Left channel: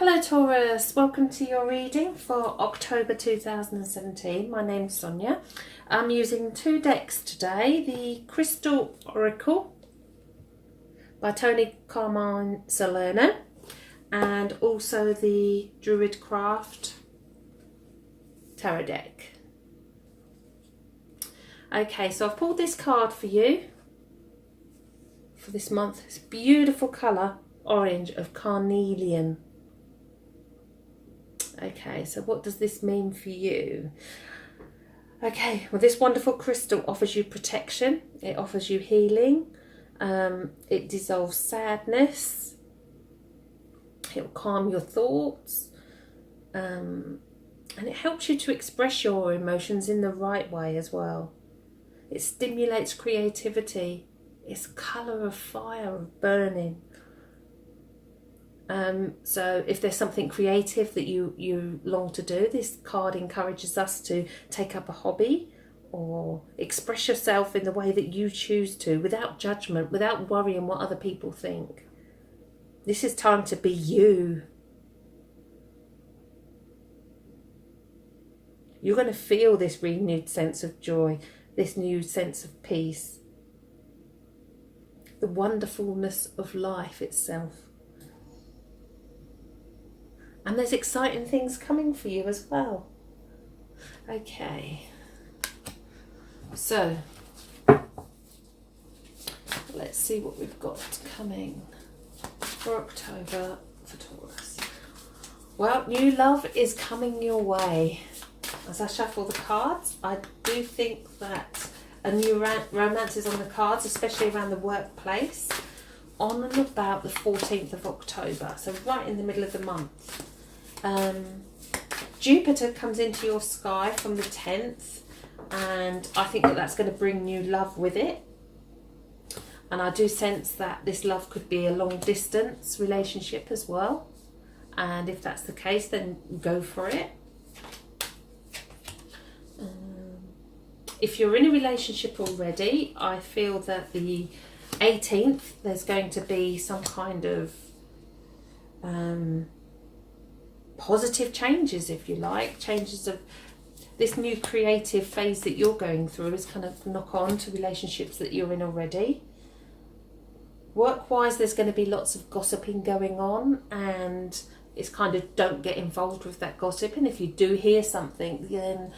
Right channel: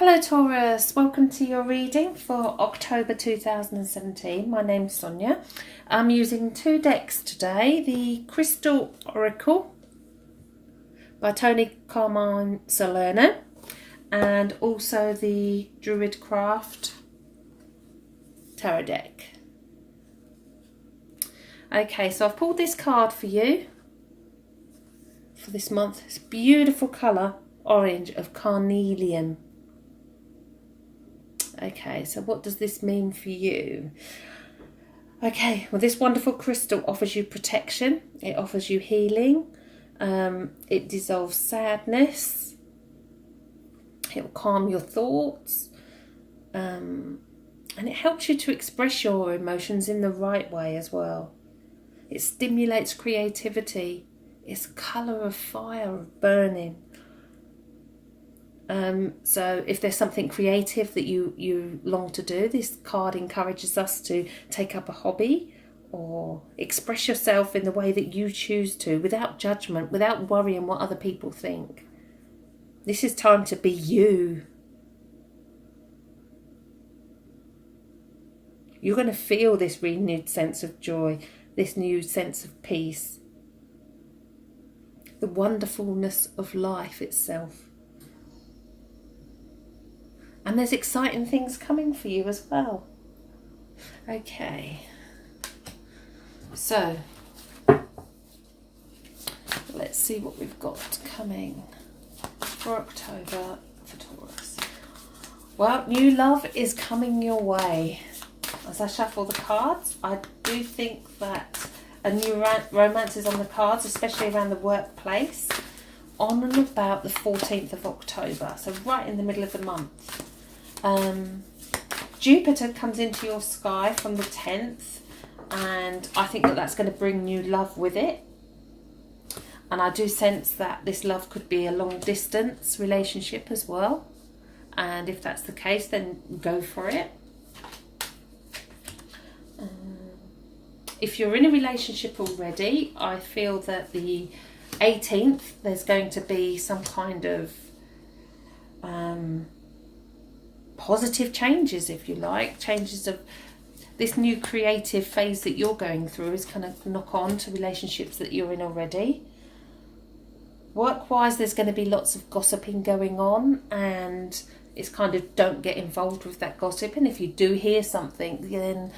Hello Taurus, welcome to your reading for October 2017. My name's Sonia. I'm using two decks today, the Crystal Oracle by Tony Carmine Salerno and also the Druid Craft Tarot deck. Okay, so I've pulled this card for you for this month. It's beautiful colour, orange of carnelian. Okay, so what does this mean for you? Okay, well, this wonderful crystal offers you protection. It offers you healing. It dissolves sadness. It will calm your thoughts. And it helps you to express your emotions in the right way as well. It stimulates creativity. It's a colour of fire, of burning. So if there's something creative that you long to do, this card encourages us to take up a hobby or express yourself in the way that you choose to, without judgment, without worrying what other people think. This is time to be you. You're going to feel this renewed sense of joy, this new sense of peace, the wonderfulness of life itself. And there's exciting things coming for you as well. Okay. So, let's see what we've got coming for October for Taurus. Well, new love is coming your way. As I shuffle the cards, I do think that a new romance is on the cards, especially around the workplace, on and about the 14th of October, so right in the middle of the month. Jupiter comes into your sky from the 10th, and I think that that's going to bring new love with it. And I do sense that this love could be a long distance relationship as well, and if that's the case, then go for it. If you're in a relationship already, I feel that the 18th there's going to be some kind of positive changes, if you like, changes of this new creative phase that you're going through is kind of knock on to relationships that you're in already. Work-wise, there's going to be lots of gossiping going on, and it's kind of don't get involved with that gossip. And if you do hear something, then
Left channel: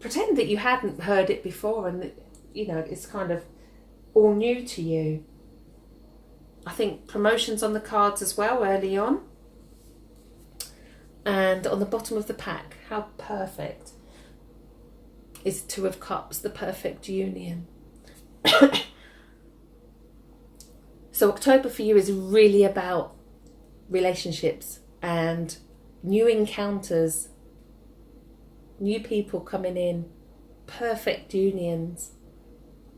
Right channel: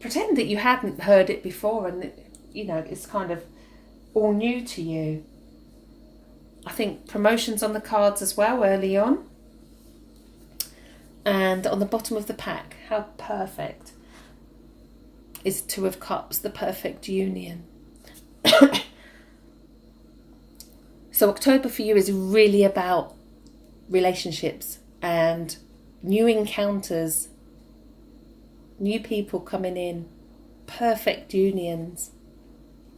pretend that you hadn't heard it before, and you know it's kind of all new to you. I think promotions on the cards as well early on. And on the bottom of the pack, how perfect is Two of Cups, the perfect union. So October for you is really about relationships and new encounters, new people coming in, perfect unions.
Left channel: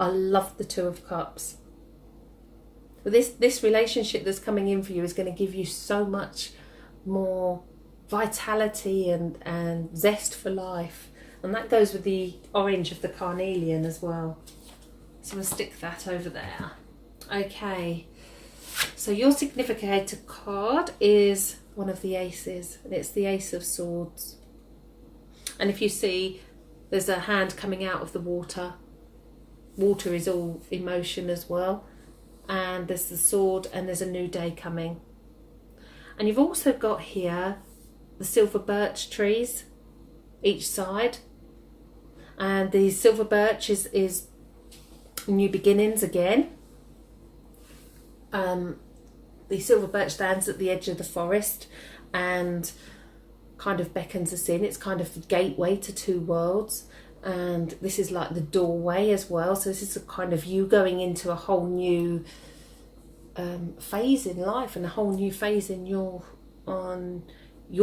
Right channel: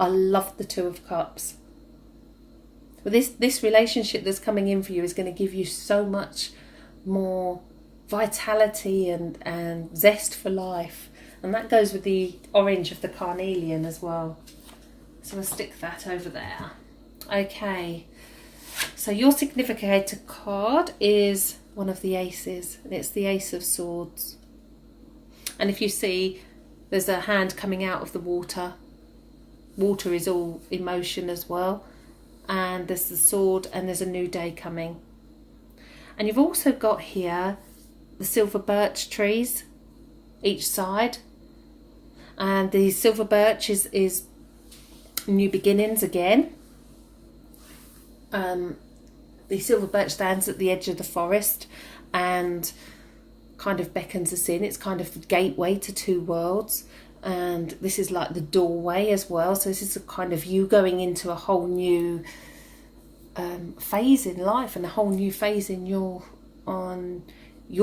I love the Two of Cups. But this relationship that's coming in for you is going to give you so much more vitality and zest for life, and that goes with the orange of the carnelian as well, so I'll stick that over there. Okay, so your significator card is one of the aces, and it's the Ace of Swords. And if you see, there's a hand coming out of the water. Water is all emotion as well, and there's the sword, and there's a new day coming. And you've also got here the silver birch trees each side, and the silver birch is new beginnings again. The silver birch stands at the edge of the forest and kind of beckons us in. It's kind of the gateway to two worlds, and this is like the doorway as well. So this is a kind of you going into a whole new phase in life, and a whole new phase in your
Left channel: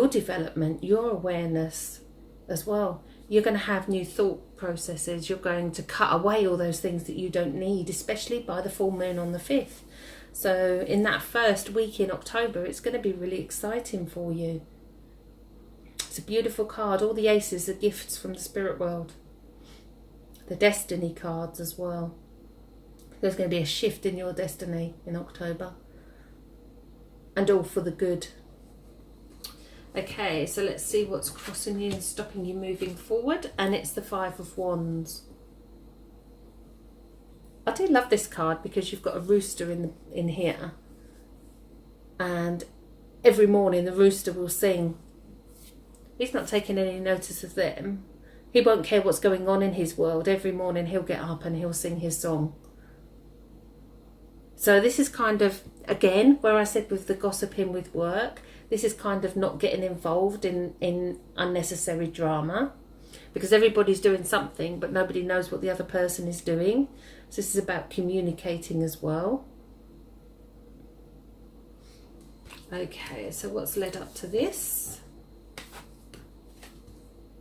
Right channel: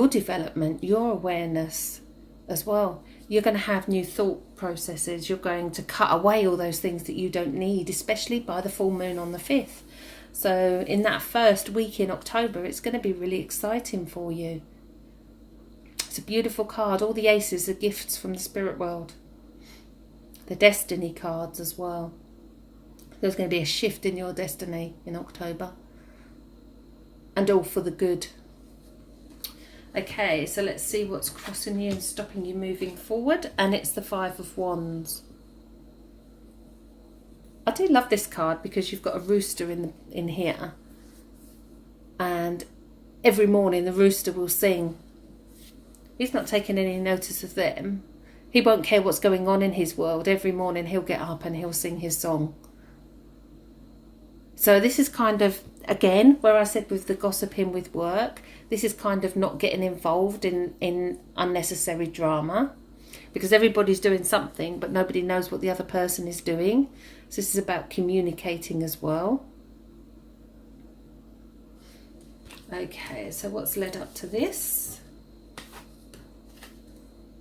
development, your awareness as well. You're going to have new thought processes. You're going to cut away all those things that you don't need, especially by the full moon on the 5th. So in that first week in October, it's going to be really exciting for you. It's a beautiful card. All the aces are gifts from the spirit world. The destiny cards as well. There's going to be a shift in your destiny in October. and all for the good. Okay, so let's see what's crossing you and stopping you moving forward. And it's the Five of Wands. I do love this card because you've got a rooster in here. And every morning the rooster will sing. He's not taking any notice of them. He won't care what's going on in his world. Every morning he'll get up and he'll sing his song. So this is kind of, again, where I said with the gossiping with work, this is kind of not getting involved in unnecessary drama, because everybody's doing something but nobody knows what the other person is doing. So this is about communicating as well. Okay, so what's led up to this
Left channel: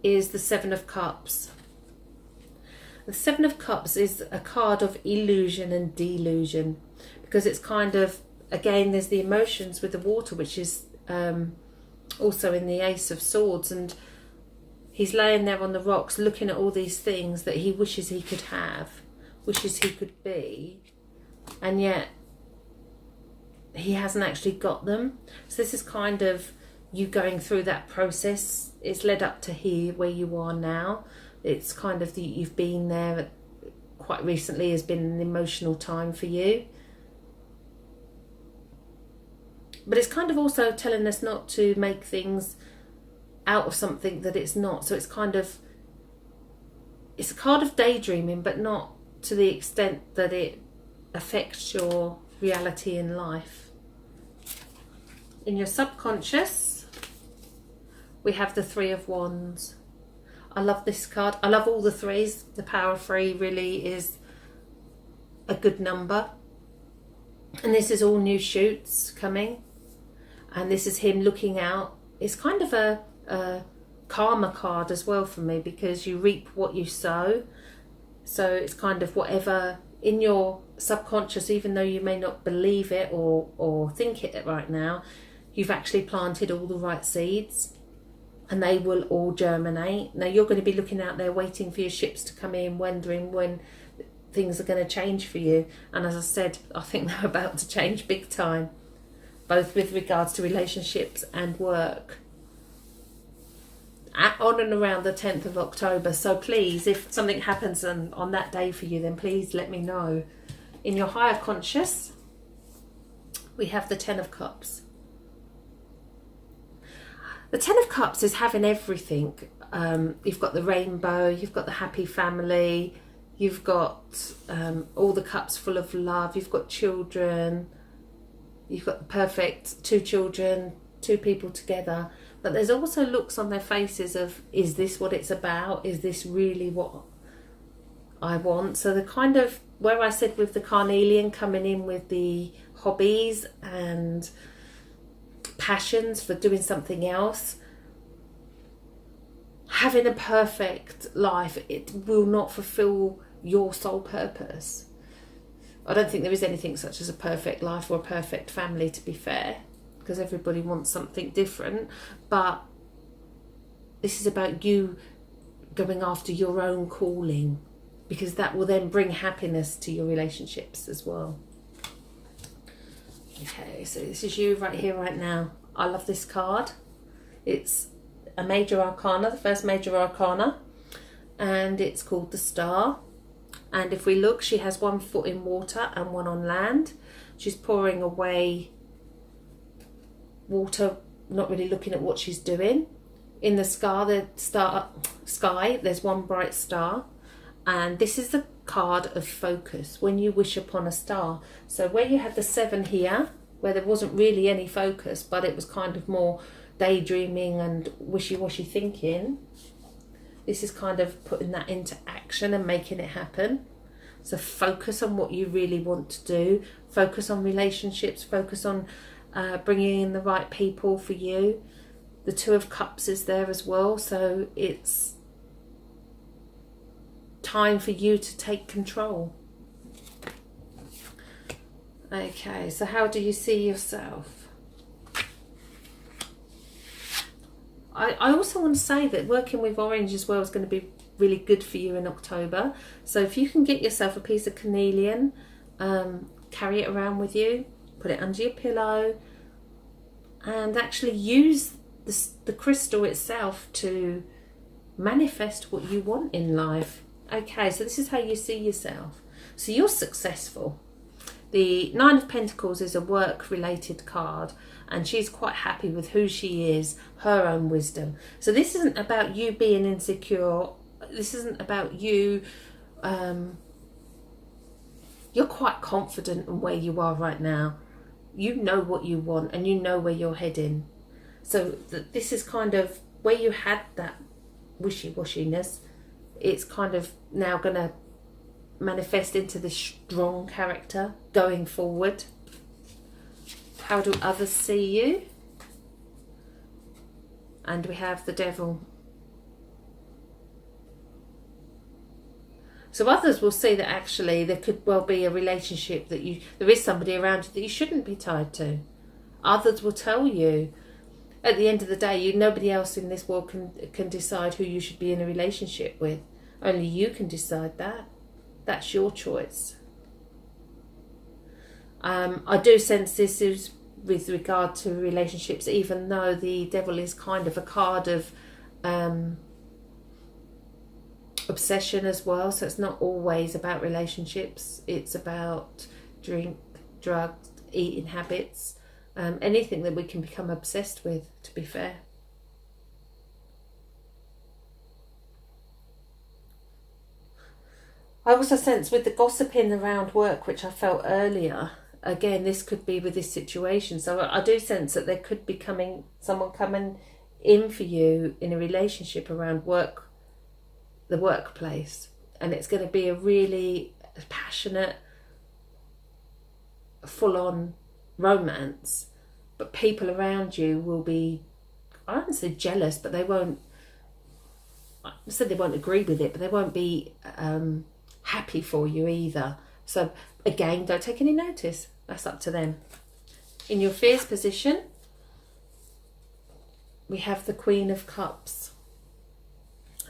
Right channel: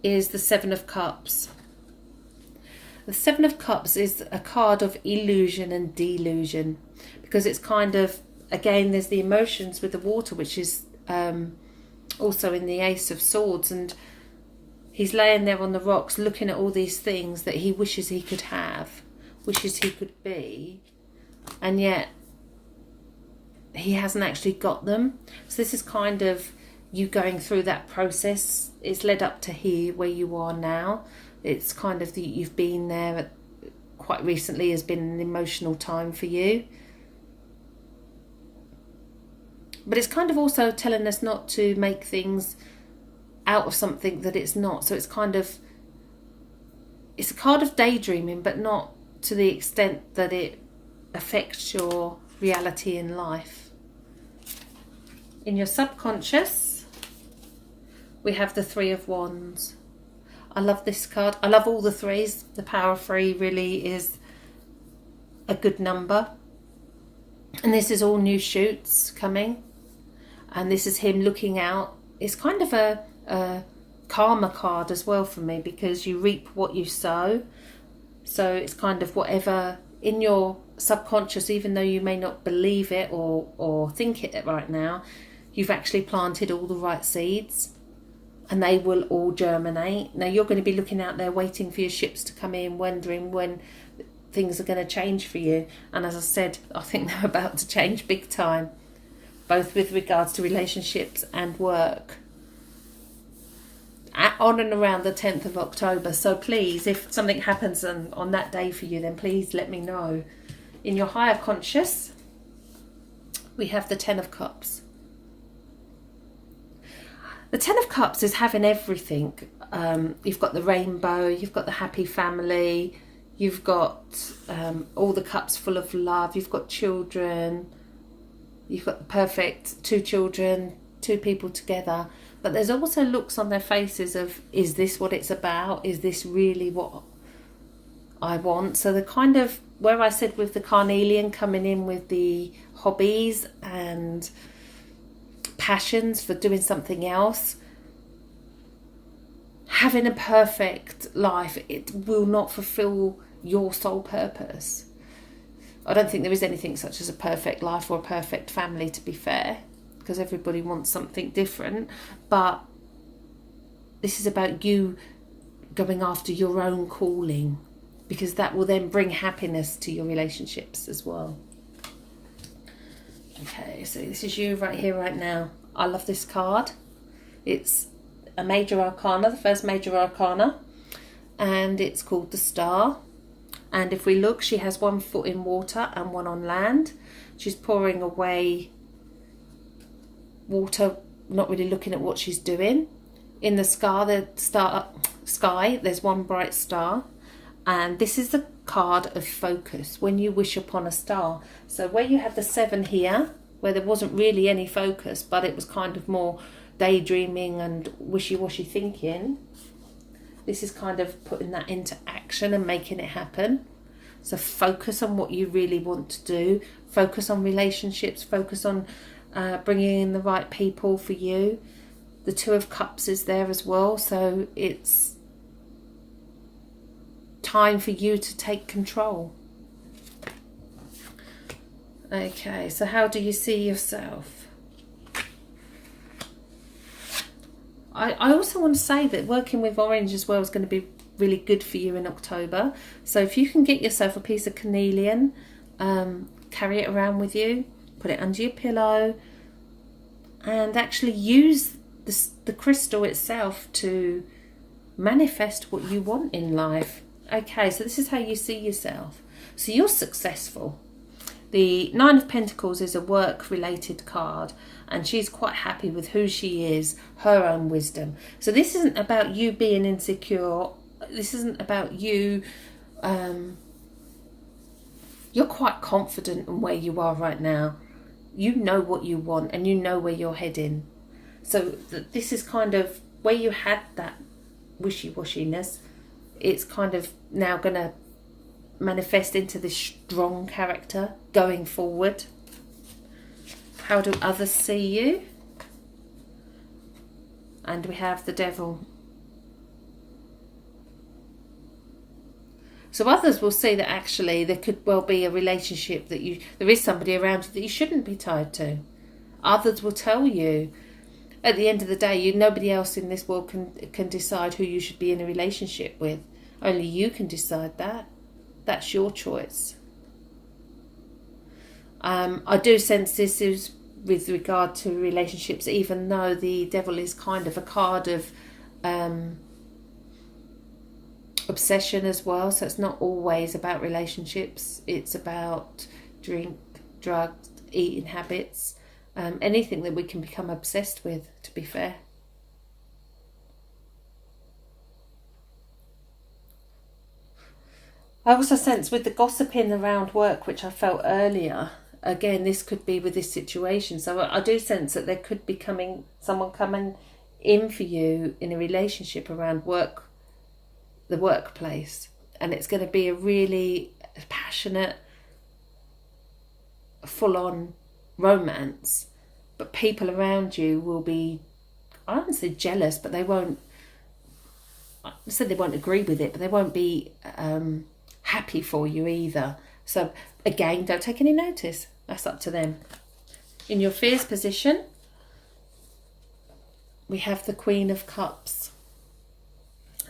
is the Seven of Cups. The Seven of Cups is a card of illusion and delusion, because it's kind of, again, there's the emotions with the water, which is also in the Ace of Swords, and he's laying there on the rocks looking at all these things that he wishes he could have, wishes he could be, and yet he hasn't actually got them. So this is kind of you going through that process. It's led up to here where you are now. It's kind of you've been there quite recently, has been an emotional time for you. But it's kind of also telling us not to make things out of something that it's not. So it's kind of, it's a card of daydreaming, but not to the extent that it affects your reality in life. In your subconscious, we have the Three of Wands. I love this card. I love all the threes. The power of three really is a good number. And this is all new shoots coming. And this is him looking out. It's kind of a karma card as well for me, because you reap what you sow. So it's kind of whatever in your subconscious, even though you may not believe it or think it right now, you've actually planted all the right seeds and they will all germinate. Now you're going to be looking out there waiting for your ships to come in, wondering when things are going to change for you. And as I said, I think they're about to change big time, both with regards to relationships and work, on and around the 10th of October. So please, if something happens on that day for you, then please let me know. In your higher conscious, we have the Ten of Cups. The Ten of Cups is having everything. You've got the rainbow, you've got the happy family, you've got all the cups full of love, you've got children, you've got the perfect two children, two people together. But there's also looks on their faces of, is this what it's about? Is this really what I want? So the kind of, where I said with the carnelian coming in with the hobbies and passions for doing something else, having a perfect life, it will not fulfill your sole purpose. I don't think there is anything such as a perfect life or a perfect family, to be fair, because everybody wants something different. But this is about you going after your own calling, because that will then bring happiness to your relationships as well. Okay, so this is you right here, right now. I love this card. It's a major arcana, the first major arcana, and it's called the Star. And if we look, she has one foot in water and one on land. She's pouring away water, not really looking at what she's doing. In the sky, there's one bright star. And this is the card of focus, when you wish upon a star. So where you had the 7 here, where there wasn't really any focus, but it was kind of more daydreaming and wishy-washy thinking, this is kind of putting that into action and making it happen. So focus on what you really want to do. Focus on relationships. Focus on bringing in the right people for you. The Two of Cups is there as well. So it's time for you to take control. Okay, so how do you see yourself? I also want to say that working with orange as well is going to be really good for you in October. So if you can get yourself a piece of carnelian, carry it around with you, put it under your pillow, and actually use the crystal itself to manifest what you want in life. Okay, so this is how you see yourself. So you're successful. The Nine of Pentacles is a work-related card, and she's quite happy with who she is, her own wisdom. So this isn't about you being insecure. This isn't about you. You're quite confident in where you are right now. You know what you want, and you know where you're heading. So this is kind of where you had that wishy-washiness. It's kind of now going to manifest into this strong character going forward. How do others see you? And we have the Devil. So others will see that actually there could well be a relationship that there is somebody around you that you shouldn't be tied to. Others will tell you, at the end of the day, nobody else in this world can decide who you should be in a relationship with. Only you can decide that. That's your choice. I do sense this is with regard to relationships, even though the Devil is kind of a card of obsession as well. So it's not always about relationships. It's about drink, drugs, eating habits, anything that we can become obsessed with, to be fair. I also sense with the gossiping around work, which I felt earlier, again, this could be with this situation. So I do sense that there could be someone coming in for you in a relationship around work, the workplace. And it's going to be a really passionate, full-on romance. But people around you will be, I don't say jealous, but they won't, I said they won't agree with it, but they won't be happy for you either. So again, don't take any notice. That's up to them. In your fears position, we have the Queen of Cups.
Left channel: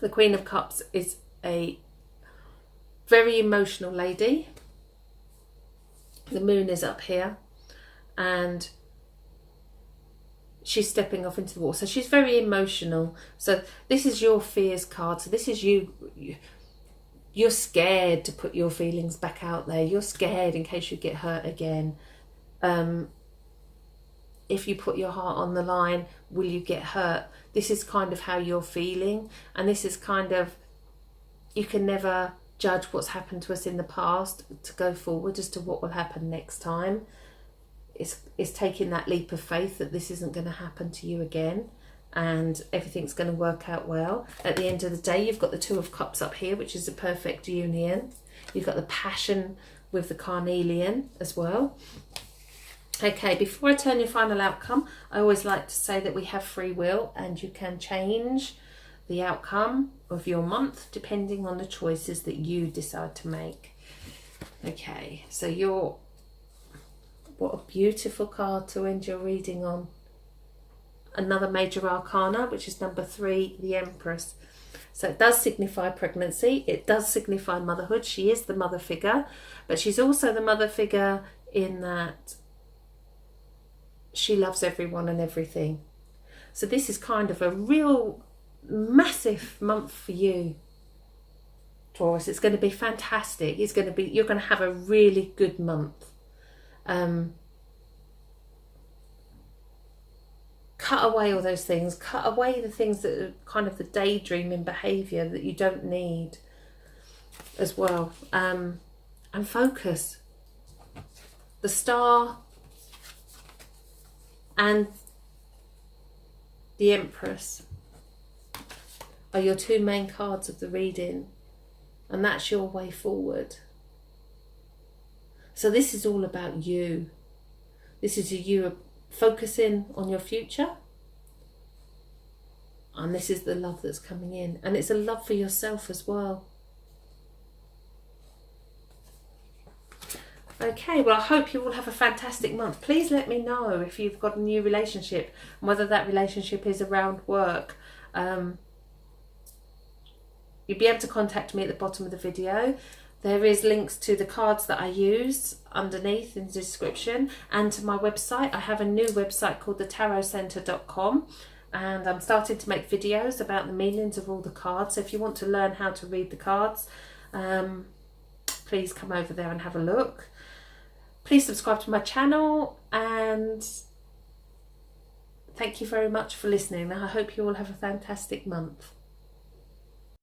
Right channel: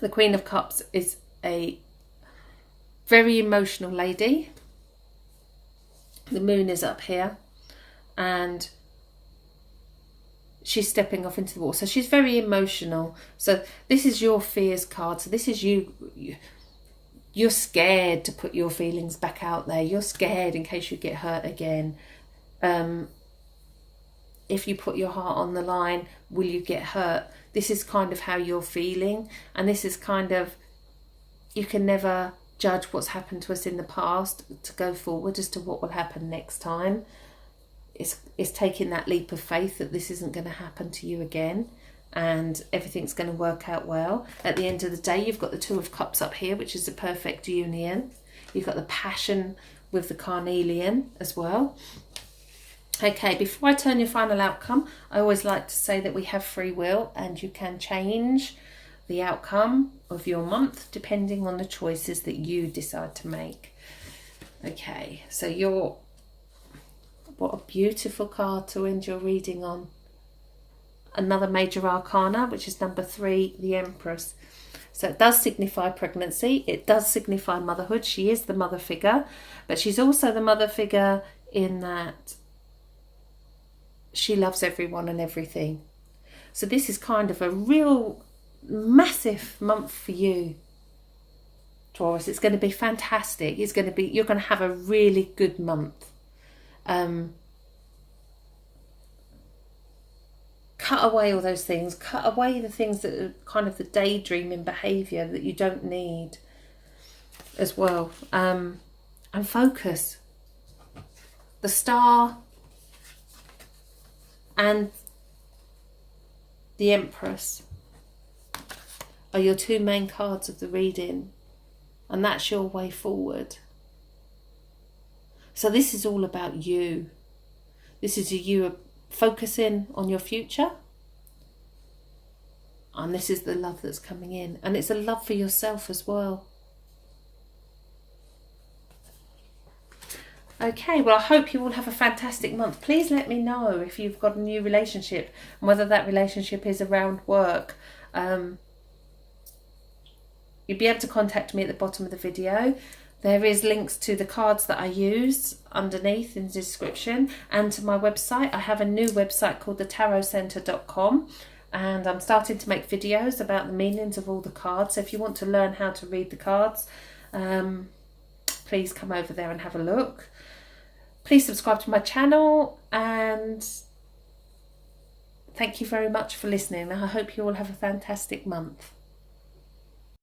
The Queen of Cups is a very emotional lady. The moon is up here, and she's stepping off into the water. So she's very emotional. So this is your fears card. So this is you. You're scared to put your feelings back out there. You're scared in case you get hurt again. If you put your heart on the line, will you get hurt? This is kind of how you're feeling. And this is kind of, you can never judge what's happened to us in the past to go forward as to what will happen next time. It's taking that leap of faith that this isn't going to happen to you again, and everything's going to work out well. At the end of the day, you've got the Two of Cups up here, which is a perfect union. You've got the passion with the carnelian as well. Okay, before I turn your final outcome, I always like to say that we have free will, and you can change the outcome of your month depending on the choices that you decide to make. Okay, so what a beautiful card to end your reading on. Another major arcana, which is number 3, the Empress. So it does signify pregnancy. It does signify motherhood. She is the mother figure, but she's also the mother figure in that she loves everyone and everything. So this is kind of a real massive month for you, Taurus. It's going to be fantastic. You're going to have a really good month. Cut away all those things. Cut away the things that are kind of the daydreaming behaviour that you don't need as well. And focus. The Star and the Empress are your 2 main cards of the reading. And that's your way forward. So this is all about you. This is you focusing on your future. And this is the love that's coming in. And it's a love for yourself as well. Okay, well, I hope you all have a fantastic month. Please let me know if you've got a new relationship and whether that relationship is around work. You'll be able to contact me at the bottom of the video. There is links to the cards that I use underneath in the description, and to my website. I have a new website called thetarotcentre.com, and I'm starting to make videos about the meanings of all the cards. So if you want to learn how to read the cards, please come over there and have a look. Please subscribe to my channel, and thank you very much for listening. I hope you all have a fantastic month.